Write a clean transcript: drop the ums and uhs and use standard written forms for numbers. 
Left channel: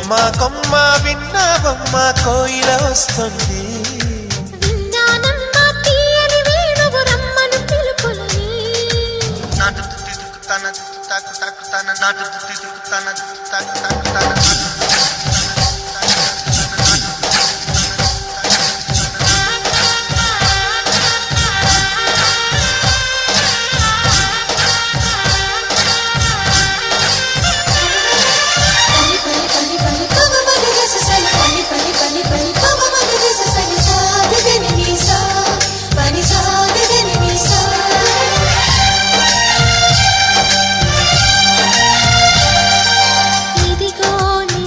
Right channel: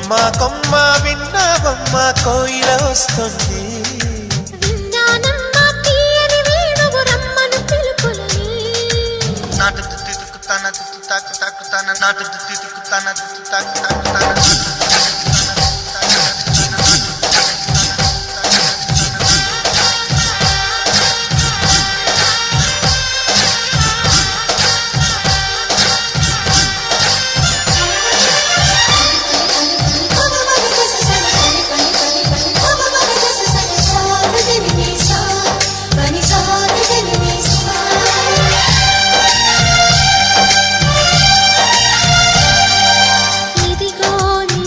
కొమ్మ కొమ్మ విన్నావమ్మ కోయిల వస్తుంది. విన్నానమ్మా తీయని వేణువు రమ్మను పిలుపులని. నాటు తాకు తాకు తాకు నాటు